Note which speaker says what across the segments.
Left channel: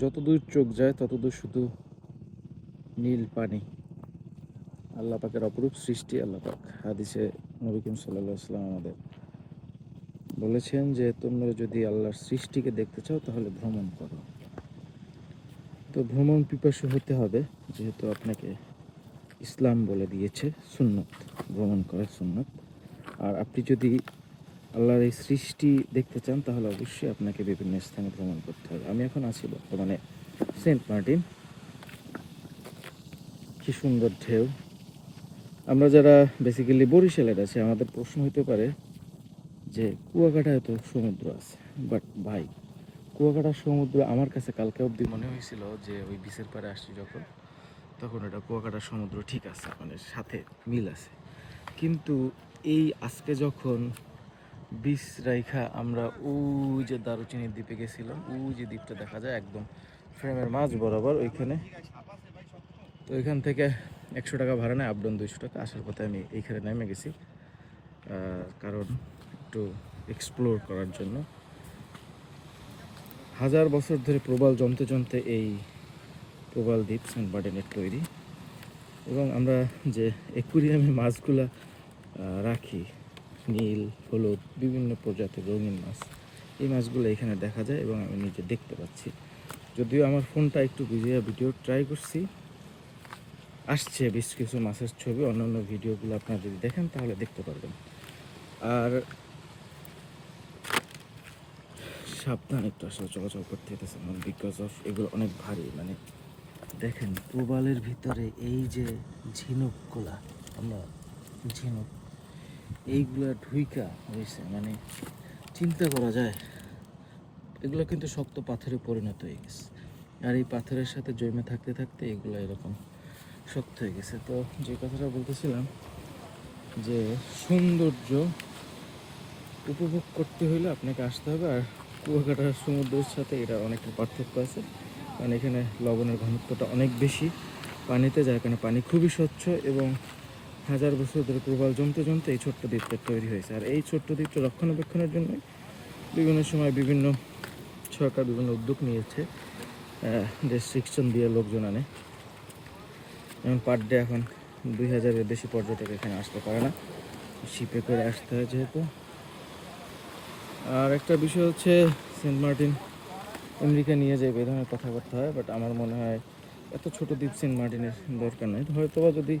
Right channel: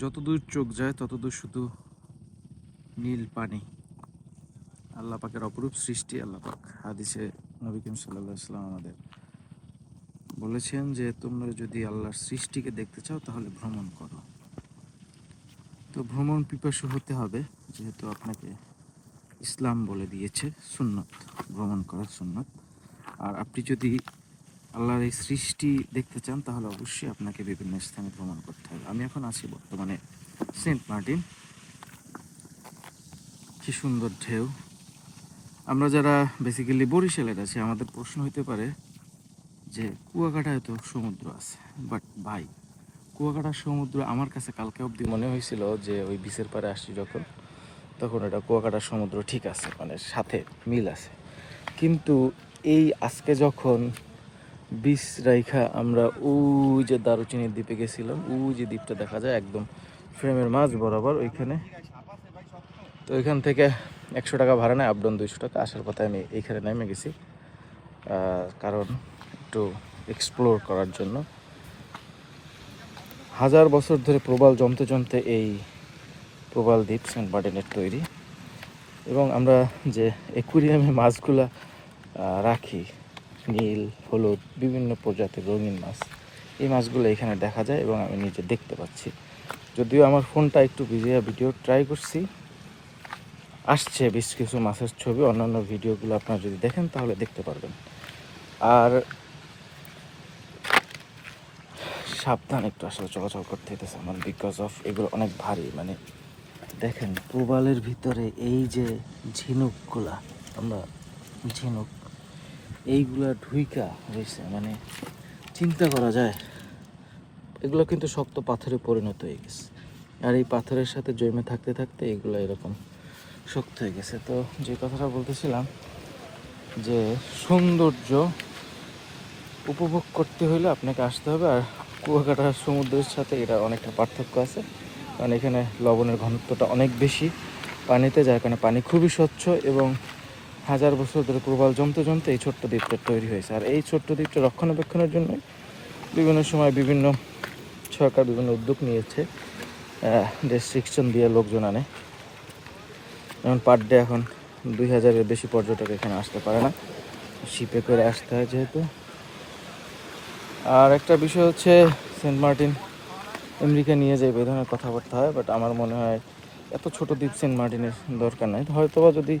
Speaker 1: যত দূর চোখ যায় তত দূর শুধু নীল পানি। আল্লাহ পাকের অপরূপ সৃষ্টি আল্লাহ পাক। হাদিসে নবী করিম সাল্লাহ ইসলাম আমাদের বলেছেন যে, তোমরা যদি আল্লাহর সৃষ্টিকে দেখতে চাও, তাহলে ভ্রমণ করো। তো ভ্রমণ পিপাসু হতে হবে, যেহেতু আপনাকে ইসলাম বলে দিয়েছে সুন্নত, ভ্রমণ করার সুন্নত। আর আপনি যদি আল্লাহর এই সৃষ্টি দেখতে চান, তাহলে অবশ্যই আপনাকে বিভিন্ন স্থানে ভ্রমণ করতে হবে। আমি এখন আছি বর্তমানে সেন্ট মার্টিন। কি সুন্দর ঢেউ। আমরা যারা বেসিক্যালি বরিশালের আছি, আমাদের প্রশ্ন হতে পারে যে, কুয়াকাটায় তো সমুদ্র আছে বাট ভাই, কুয়াকাটার সমুদ্র আমার কাছে কালকে অবধি মনে হয়েছিল যে, ওই বিচের পারে আসছি যখন, তখন এটা কুয়াকাটার সমুদ্র ঠিক আছে মানে সাথে মিল আছে। কিন্তু এই আজকে যখন বিচ রাইখা আমরা ওই যে দারুচিনির দ্বীপে গেছিলাম, ওই যে দ্বীপটা দেখা যায় একদম ফ্রেমের মাছ বরাবর ওইখানে। তো ওইখান থেকে একশো টাকা ভাড়া নেয় আপডাউন দুইশো টাকা, আসার পথে আমি এইখানে নেমে গেছি কারণ একটু এক্সপ্লোর করার জন্য। হাজার বছর ধরে প্রবাল জমতে জমতে এই প্রবাল দ্বীপ সেন্ট মার্টিনের তৈরি। এবং আমরা যে একুরিয়ামে মাছগুলা রাখি নীল, হলুদ, বিভিন্ন প্রজাতির রঙিন মাছ। এই মাছগুলো এখানে দেখা যায় এবং আমি নিজে দেখতে পাচ্ছি। যদিও আমার ফোনটা একটু ভিজিয়ে ভিডিও ট্রাই করছি। আসছে বেশ কিছু মাছের ছবি, অন্যান্য ভিডিওগুলো আপনারা যদি দেখেন তাহলে দেখতে পারবেন। আর সাবধান একটু আসলে চলাচল করতে হইতেছে আমার বিকজ অফ এগুলো অনেক ভারী। মানে দেখেন, প্রবালের ভিতরে এই যে ঝিনুকগুলা, আমরা ঝিনুক এইগুলা ঢুইকা রয়েছে মানে চিন্তা করা যায়। এগুলো কিন্তু শক্ত পাথরে পরিণত হয়ে গেছে। আর এই পাথরের সাথে জমে থাকতে থাকতে এগুলো এরকম শক্ত হয়ে গেছে। তো যে কথাটা বলতেছিলাম, যে সৌন্দর্য উপভোগ করতে হলে আপনাকে আসতে হবে, আর কুয়াকাটার সমুদ্রের সাথে এটা অনেকটা পার্থক্য আছে। কারণ এখানে লবণের ঘনত্বটা অনেক বেশি পানিতে, যার কারণে পানি খুবই স্বচ্ছ এবং হাজার বছর ধরে প্রবাল জমতে জমতে এই ছোট্ট দ্বীপটা তৈরি হয়েছে। আর এই ছোট্ট দ্বীপটা রক্ষণাবেক্ষণের জন্য বিভিন্ন সময় বিভিন্ন সরকার বিভিন্ন উদ্যোগ নিয়েছে রেস্ট্রিকশন দিয়ে লোকজন আনে। যেমন পার ডে এখন দুই হাজারের বেশি পর্যটক এখানে আসতে পারে না। শিপে করে আসতে হয় যেহেতু। আর একটা বিষয় হচ্ছে সেন্ট মার্টিন আমেরিকা নিয়ে যাই এই ধরনের কথাবার্তা হয় বাট আমার মনে হয় এত ছোট দ্বীপ সেন্ট মার্টিনের দরকার নাই। হয়তোবা যদি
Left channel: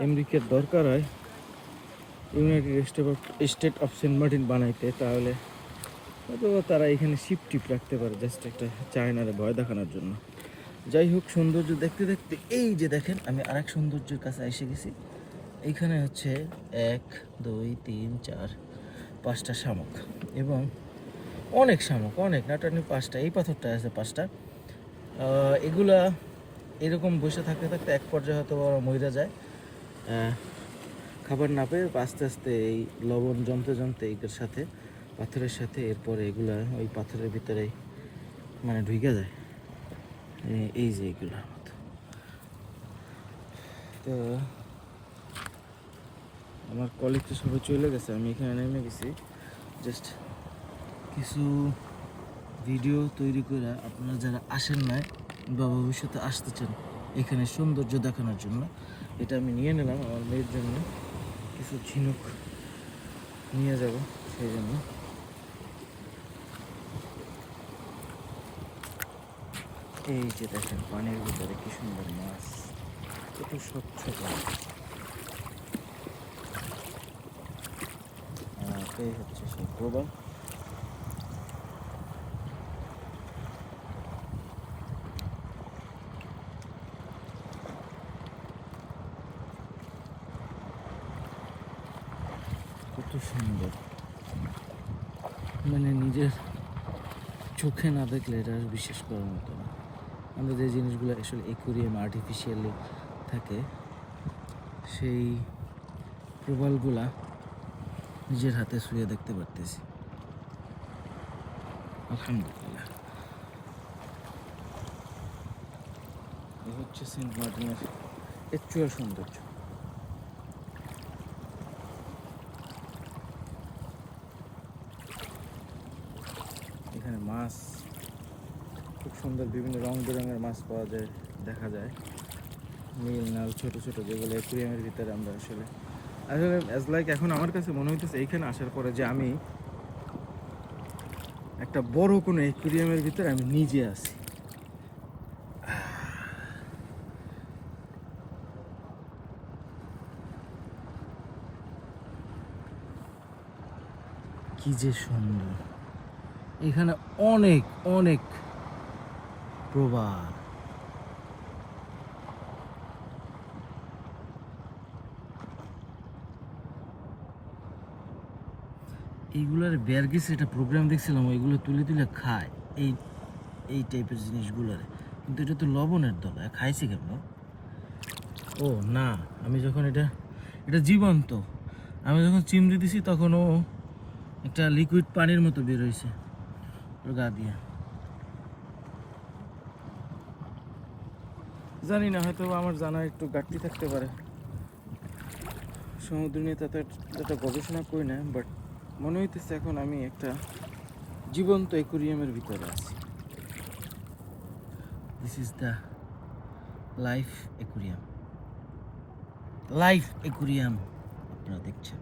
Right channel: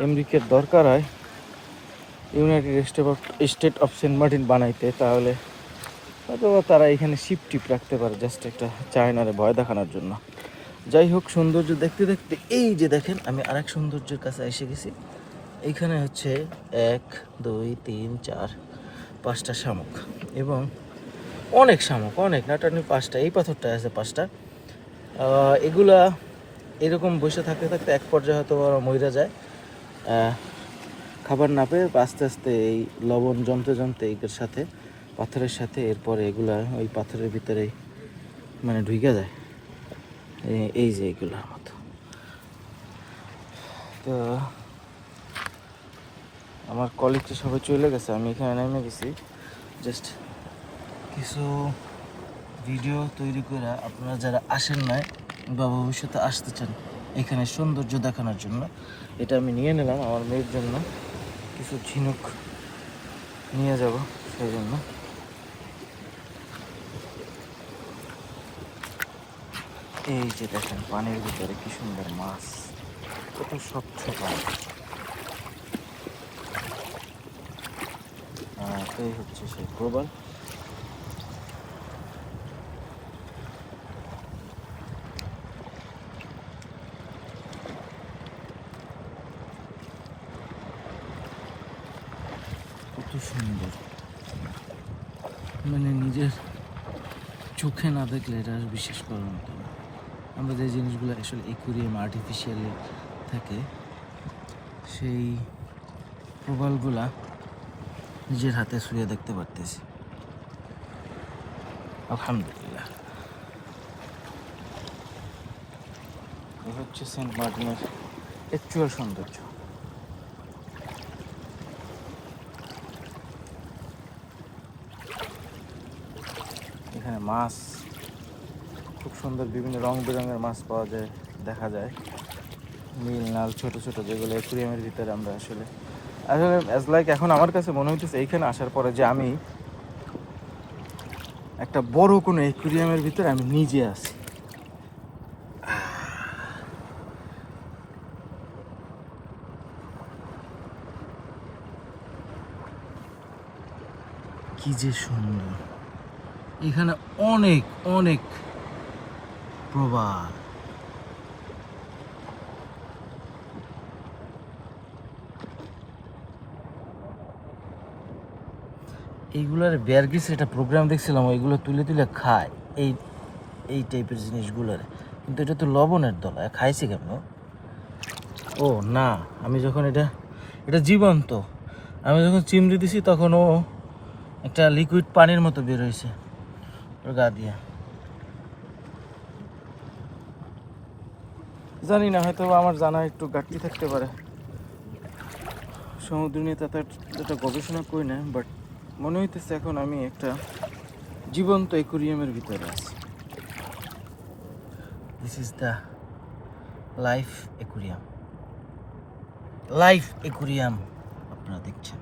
Speaker 1: আমেরিকার দরকার হয় United State of State of Saint Martin বানাইতে, তাহলে হয়তো তারা এখানে শিপ টিপ রাখতে পারে জাস্ট একটা চায়নারে ভয় দেখানোর জন্য। যাই হোক, সৌন্দর্য দেখতে দেখতে, এই যে দেখেন, আমি আরেক সৌন্দর্যের কাছে এসে গেছি। এইখানে হচ্ছে এক, দুই, তিন, চার, পাঁচটা শামুক এবং অনেক শামুক, অনেক নাটানি পাঁচটা, এই পাথরটা আছে পাঁচটা। এগুলা এরকম বসে থাকতে থাকতে এক পর্যায়ে হয়তো ওরা যায়। খাবার না পেয়ে আস্তে আস্তে এই লবণ জমতে জমতে এগুলোর সাথে, পাথরের সাথে এরপরে এগুলা ওই পাথরের ভিতরে মানে ঢুকে যায়। এই- যে এগুলোর মতো। তো আমার কলিগ তো সবাই চলে গেছে, আমি এখানে নেমে গেছি। জাস্ট কিছু ভিডিও তৈরি করে আপনারা যারা আসেন নাই বা ভবিষ্যতে আসতে চান এখানে সৌন্দর্য দেখানোর জন্য। এটা আমি নিয়ে নিলাম আমার মেয়ের জন্য। কিছু ঝিনুক নিয়ে যাব সেই জন্য। এই যে দেখেন, পানির ভিতরে কি সুন্দর মাছ। কত স্বচ্ছ পানি। এই হচ্ছে সেই প্রবাল কত সুন্দর মানে নিজের চোখে না দেখলে এটা বিশ্বাস করার মতো আমরা যে জিনিসগুলো আসলে একুরিয়াম আর্টিফিশিয়ালি থাকে, সেই প্রবালগুলা নিজের হাতে শুয়ে দেখতে পারতেছি। আলহামদুলিল্লাহ। এই হচ্ছে সেন্ট মার্টিনের অ্যাকচুয়াল সৌন্দর্য এখানে মাছ, খুব সুন্দর বিভিন্ন রং বেরঙের মাছ পাওয়া যায়, দেখা যায়। নীল নাল ছোট ছোট যেগুলো অ্যাকুরিয়ামের ভিতরে আমরা আসলে আসলে অ্যাজ লাইক এখন আমার কাছে মনে হইতেছে এইখানে আসার পরে যে আমি একটা বড় কোনো অ্যাকুরিয়ামের ভিতরে আমি নিজে আছি। কি যে সুন্দর। এখানে অনেক অনেক প্রবাল। এইগুলার বেয়ারগিস একটা প্রোগ্রাম দেখছিলাম, ওইগুলো তুলে তুলে খায়। এই এই টাইপের জিনিসগুলোর। কিন্তু এটা তো লবণের দলা খাইছি কেন? ও, না, আমি যখন এটা এটা জীবন্ত। আমি যখন চিমড়ি দিছি, তখন ও একটা লিকুইড পানির মতো বের হয়েছে গা দিয়ে। জানি না হয়তো আমার জানা একটু ঘাটতি থাকতে পারে। সমুদ্র নিয়ে তাতে একটা গবেষণা করি না বাট মনে হইতেছে এখন আমি একটা জীবন্ত একুরিয়ামের ভিতরে আছি। This is the life aquarium life aquarium আপনারা দেখছেন।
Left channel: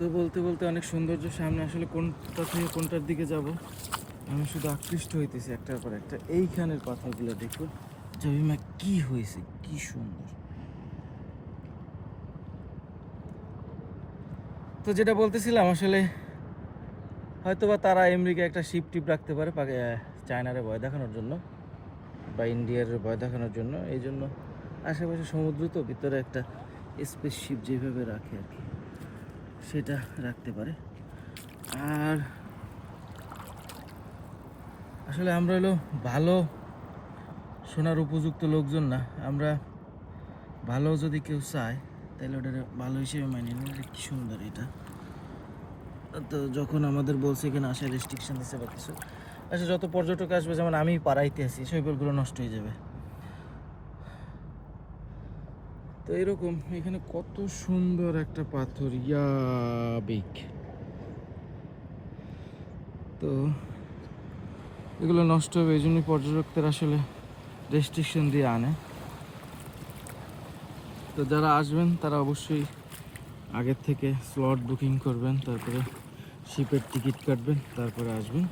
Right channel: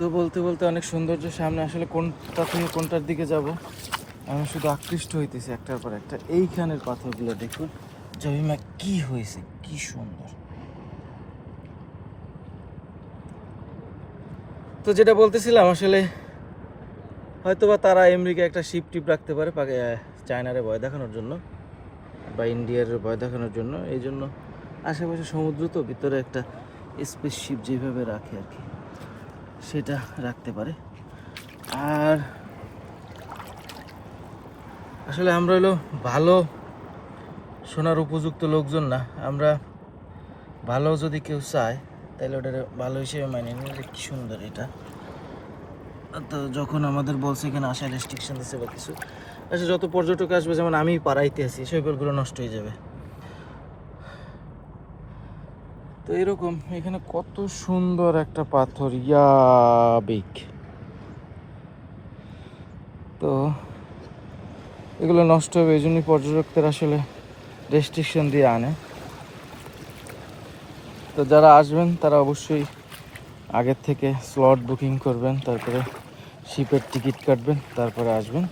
Speaker 1: তো বলতে বলতে অনেক সৌন্দর্য সামনে আসলে কোনটা থেকে কোনটার দিকে যাব? আমি শুধু আকৃষ্ট হইতেছি একটার পর একটা। এইখানের পাথরগুলো দেখুন। জমিমা কি হয়েছে? কি সুন্দর। তো যেটা বলতেছিলাম, আসলে হয়তোবা তারা আমেরিকা একটা শিপ টিপ রাখতে পারে চায়নারে ভয় দেখানোর জন্য বা ইন্ডিয়ার ভয় দেখানোর জন্য। এই জন্য আশেপাশে সমুদ্র তো, ভিতরে একটা স্পেস শিপ যেভাবে রাখে আর কি। সেটা রাখতে পারে। আর আসলে আমরা হলো ভালো শোনার উপযুক্ত লোকজন না। আমরা ভালো যদি কেউ চায় তাহলে ওটা ভালো হিসেবে মানিয়ে নিই। কি সুন্দর এটা। তো যখন আমাদের বলছে এখানে আসার রেস্ট্রিকশন দিচ্ছে বা কিছু আচ্ছা যত পর্যটক আসবে, যেমন আমি পাড়াইতে আছি, শৈবালগুলো নষ্ট হয়ে যাবে। তো এরকম, এখানে কত সুন্দর একটা পাথর। ইয়াবিক তো এগুলো নষ্ট হবে, এই জন্যই পর্যটকদের আসলে রেস্ট্রিকশন দিয়ে আনে। তো যারা আসবেন, তারা অবশ্যই আগের থেকে স্লট বুকিং করবেন, তারপরে শিপের টিকিট কাটবেন, তারপরে আসবেন।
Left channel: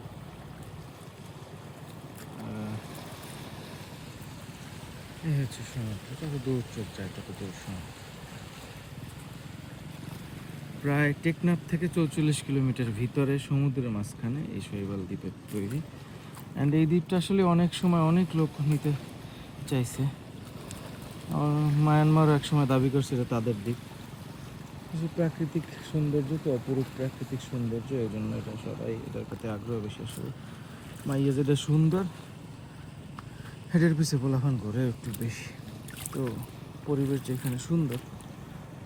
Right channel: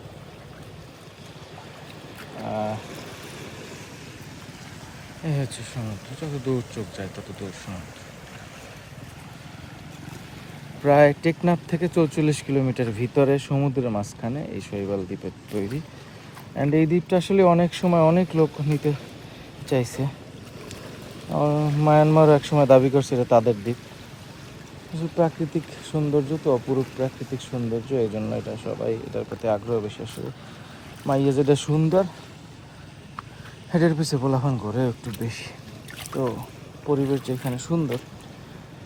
Speaker 1: এই হচ্ছে সমুদ্র যত দূর চোখ যায়, তত দূর সমুদ্র প্রায় টেকনাফ থেকে চৌচল্লিশ কিলোমিটার ভিতরে, সমুদ্রের মাঝখানে এই শৈবাল দ্বীপের তৈরি। অ্যান্ড এই দ্বীপটা আসলে অনেক সময় অনেক লোক নিতে চাইছে। মায়ানমার এক সময় দাবি করছে এটা তাদের দ্বীপ। প্রাকৃতিক সৌন্দর্য তো অপরূপ প্রাকৃতিক সৌন্দর্য, এই জন্য এটা সবাই এটার প্রতি আগ্রহ বেশি। আসলে মাইয়া যেটা সুন্দর। হেডের পিছে পোলাফান করে একটু বেশি। তো পরিবেশ যেখানে সুন্দর,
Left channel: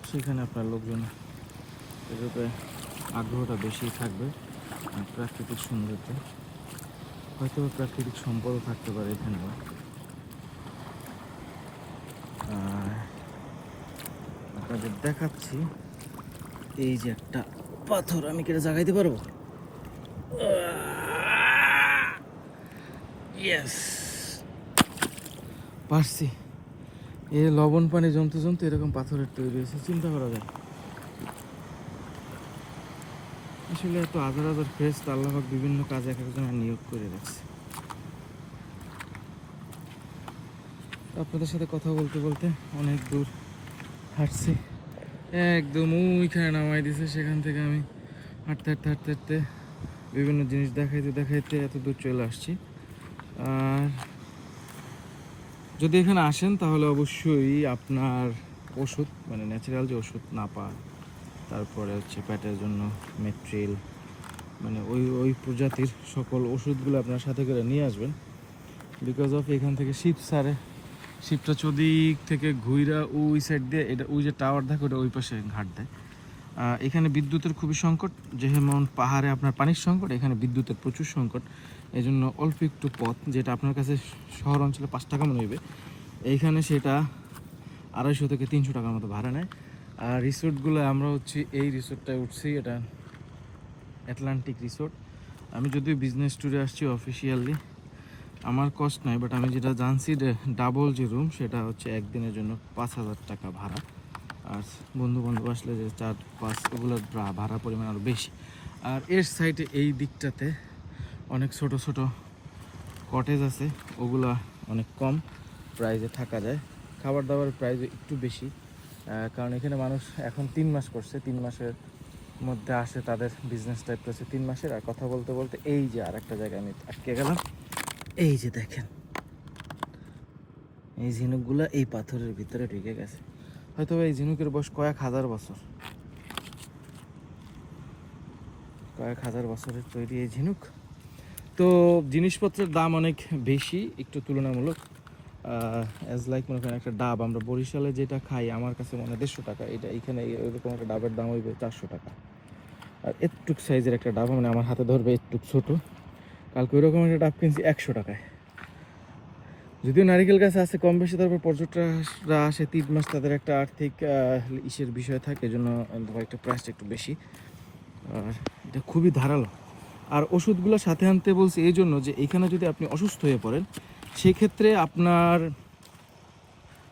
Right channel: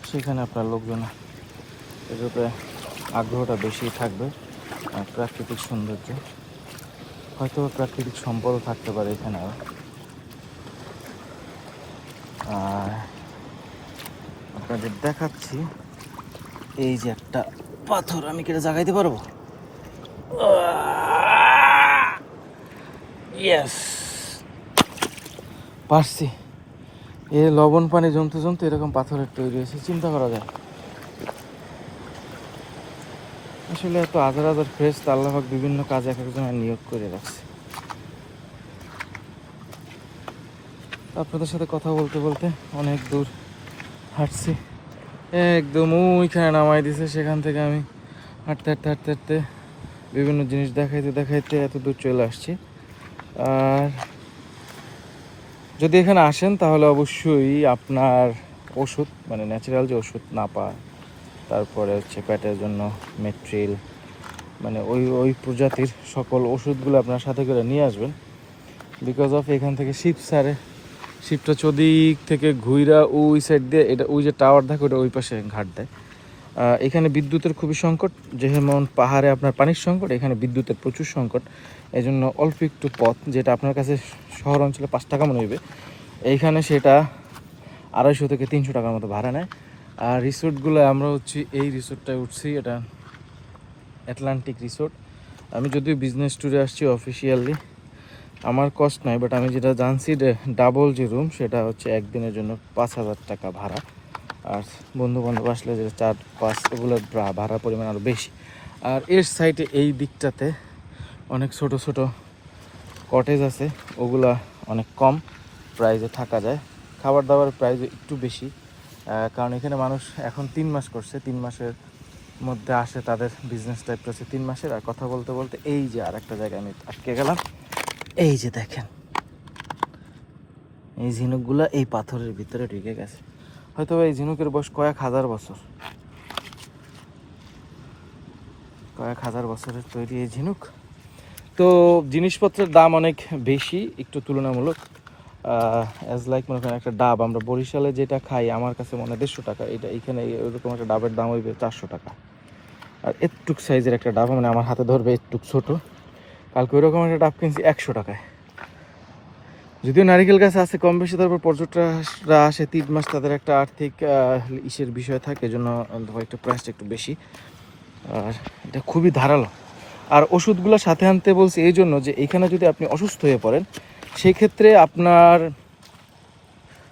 Speaker 1: সেখানে আপনার লোকজন এর উপরে আগ্রহটা বেশি থাকবে প্রাকৃতিক সৌন্দর্য। হয়তো প্রাকৃতিক সম্পদ থাকতে পারে এখানে আর। আর আপনাদের দেখাচ্ছি, এই যে একটা পাথর, আমি কেটে জাগাইতে পারব? ইয়েস পারছি। এ লবণ পানি জমতে জমতে এরকম পাথরের তৈরি হয়েছে, চিন্তা করা যায়। আসলে এত হাজার হাজার ফ্রেশ আল্লাহাক বিভিন্ন কাজ এক একজনের নিয়োগ করে রাখছে। আপনাদের সাথে কথা বলতে বলতে অনেক দূর হাঁটছি। একদম ওইখানে নামাই দিছে, সেখান থেকে আমি হাঁটতে হাঁটতে হাঁটতে হাঁটতে বিভিন্ন জিনিস দেখাইতে দেখাইতে এত দূর চলে আসছি। আর যদি এখানে আসেন, তাহলে অবশ্যই আপনার ওষুধ মানে ন্যাচারাল যে ওষুধ না পান তারপরে হচ্ছে পেটের জন্য মেট্রিল মানে ওই ওই প্রজাতির সকল ওষুধগুলো আপনার সাথে করে নিয়ে আসবেন। বিকজ অফ এখান থেকে শিপ সারে শিপটা চদিক থেকে ঘুইরা ওই সাইড দিয়ে, এটা ওই যে টাওয়ার থাকে ওটা ওই পাশে ঘাট দেয়। এখানে বিদ্যুতের খুবই সংকট, যেমন পাহাড়ে আপনার পানির সংকট, এখানে বিদ্যুতের প্রচুর সংকট। এই জন্য অল্প একটু পথ, যেটা আপনার কাছে শহর অঞ্চলে পাঁচ টাকা মনে হইবে। এইখানে সেটা আড়াইশো থেকে তিনশো টাকার মতো ভাড়া নেয়। আর রিসোর্টগুলো আমরা হচ্ছে, এই রিসোর্টটায় উঠছি, এটা অ্যাটলান্টিক রিসোর্ট আমি যদিও বিজনেস ট্যুরে আসছি অফিসিয়ালি আমার কষ্ট নাই বাট আমি যেটা জানছি ডাবল যে রুম সেটা হচ্ছে একদিনের জন্য পাঁচ হাজার টাকা ভাড়া। আর বন্ধু বান্ধব আসলে যে চার পাঁচ ওগুলোর ভা- ভাড়া পরিমাণ আরও বেশি। আর এর সাইডে এই দিকটাতে অনেক ছোট ছোট কটেজ আছে, ওগুলা অনেক কম প্রাইজে থাকা যায়। খাবার দাবার প্রাইস একটু বেশি কারণ এখানে মানুষ এখন তিন মাস করছে, তিন মাসের মধ্যে আসে তাদের বিজনেস টাইপ করছে তিন মাসের। আর কথা বলতে বলতে এই যে আর একটা জায়গায় আমি আটকে গেলাম। এই যে দেখেন, এই ঝিনুকগুলো এই পাথরের ভিতরে ঢুকে গেছে। হয়তো এই ঝিনুকের বয়স কয়েক হাজার বছর। কয়েক হাজার বছরের তৈরি এই ঝিনুক। তো জিনিসপত্রের দাম অনেক বেশি, একটু তুলনামূলক। অ্যাজ লাইক মনে করেন একটা ডাব, আমরা বরিশালে যেটা খাই, আমার কাছে মনে হয় দেড়শো টাকা। এটা এখানে ওইরকম একটা ডাবের দাম হইবে চারশো টাকা। আর একটুক সাইজের একটা ডাব মানে আমার হাতে ধরবে একটুক ছোট। কালকে ওইরকম একটা ডাব কিনছি একশো টাকায়। যদিও নারিকেল গাছ আছে কম বেশি, তারপর পর্যটকরা আসে, তিন মাস তাদের একটা আর্থিক ইসের বিষয় থাকে, এজন্য একটা প্রাইসটা একটু বেশি। আর এটা খুবই ধারালো। আর ওষুধগুলো সাথে আনতে বলছি এই জন্য যে এখানে যদি আপনি অসুস্থ হয়ে পড়েন সেই ক্ষেত্রে আপনার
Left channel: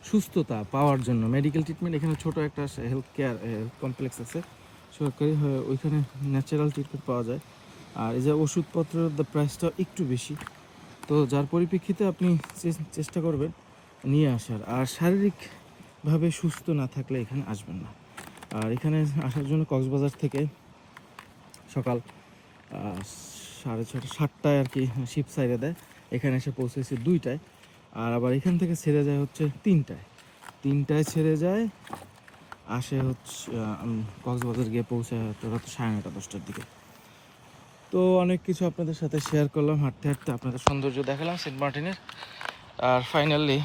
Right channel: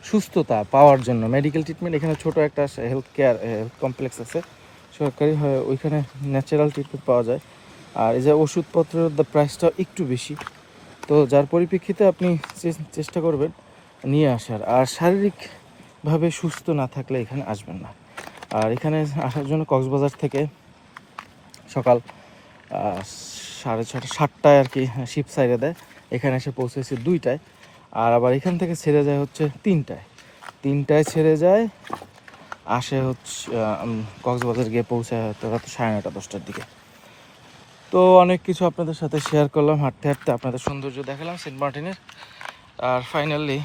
Speaker 1: সুস্থতা পাওয়ার জন্য মেডিকেল ট্রিটমেন্ট এখানে ছোট একটা হেলথ কেয়ার হেলথ কমপ্লেক্স আছে। সরকারি ওইখানে ন্যাচারাল ট্রিটমেন্ট পাওয়া যায়। আর এই যে ওষুধপত্রের প্রাইসটা একটু বেশি। তো যার পরিপ্রেক্ষিতে আপনি চেষ্টা করবেন নিয়ে আসার। আর শারীরিকভাবে সুস্থ না থাকলে এখানে আসবেন না। আর এখানে আসার জন্য কক্সবাজার থেকে সকাল সাড়ে ছটা, সাতটায় আর কি শিপ সাইডে দেয়। এখানে এসে পৌঁছেছি দুইটায়। আর আবার এখান থেকে ছেড়ে যায় হচ্ছে তিনটায়। তিনটায় ছেড়ে যায়, আসে হচ্ছে কক্সবাজার গিয়ে পৌঁছায় রাত সাড়ে নটা দশটার দিকে। তো অনেক কিছু আপনাদের সাথে শেয়ার করলাম, হাঁটতে হাঁটতে আপনাদের সৌন্দর্য দেখালাম সেন্ট মার্টিনের। আর ফাইনালি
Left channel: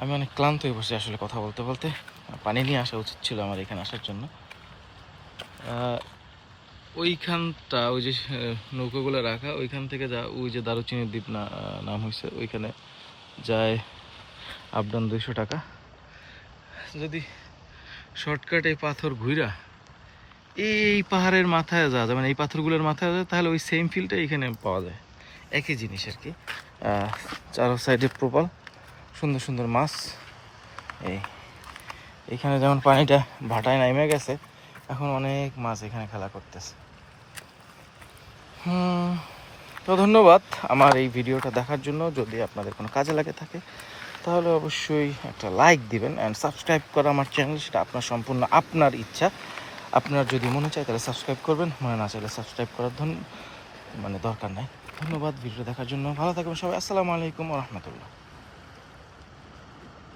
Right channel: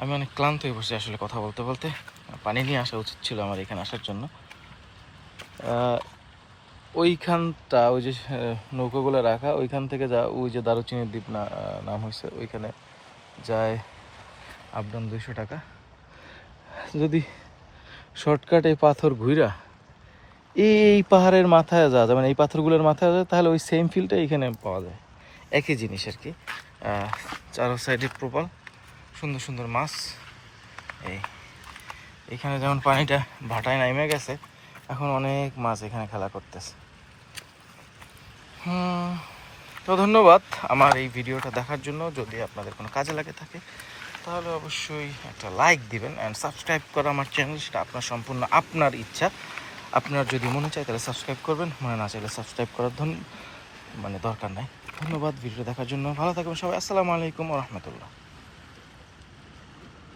Speaker 1: আমি অনেক ক্লান্ত হয়ে বসে আসলে কথা বলতে বলতে। পানি নিয়ে আসা উচিত ছিল আমার এখানে আসার জন্য। ওইখানটা ওই যে নৌকোগুলো রাখা, ওইখান থেকে যা, ওই যে দারুচিনির দ্বীপ না নাম হয়েছে ওইখানে যায় আপ ডাউন দুইশো টাকা। যদি শর্টকাট এই পাথর ঘুরা এই পাহাড়ের মাথায় যাওয়া যায় মানে এই পাথরগুলোর মাথায় যায় তাহলে ওই সেম ফিলটা এখানে পাওয়া যায়। একই জিনিস আর কি। চারো সাইডে প্রপাল সুন্দর সুন্দর মাছ। এই, এখানে যেমন পানিটা ভাটায় নামে গেছে, এখন অনেক মাছ এখানে খেলা করতেছে। তো ধন্যবাদ আমার এই ভিডিওটা দেখার জন্য। যদি আপনাদের কোনো কাজে লাগে থাকে, তাহলে অবশ্যই একটা লাইক দিবেন অ্যান্ড সাবস্ক্রাইব করা আমার চ্যানেল সেটা আপনার সম্পূর্ণ আপনার ইচ্ছা। আপনার যদি মনে চায় তাহলে সাবস্ক্রাইব করবেন, মনে না চাইলে সাবস্ক্রাইব করার ধন মানে দরকার নাই। ধন্যবাদ ভিডিও দেখার জন্য। ভালো থাকবেন সবাই। আসসালামু আলাইকুম রহমতুল্লাহ।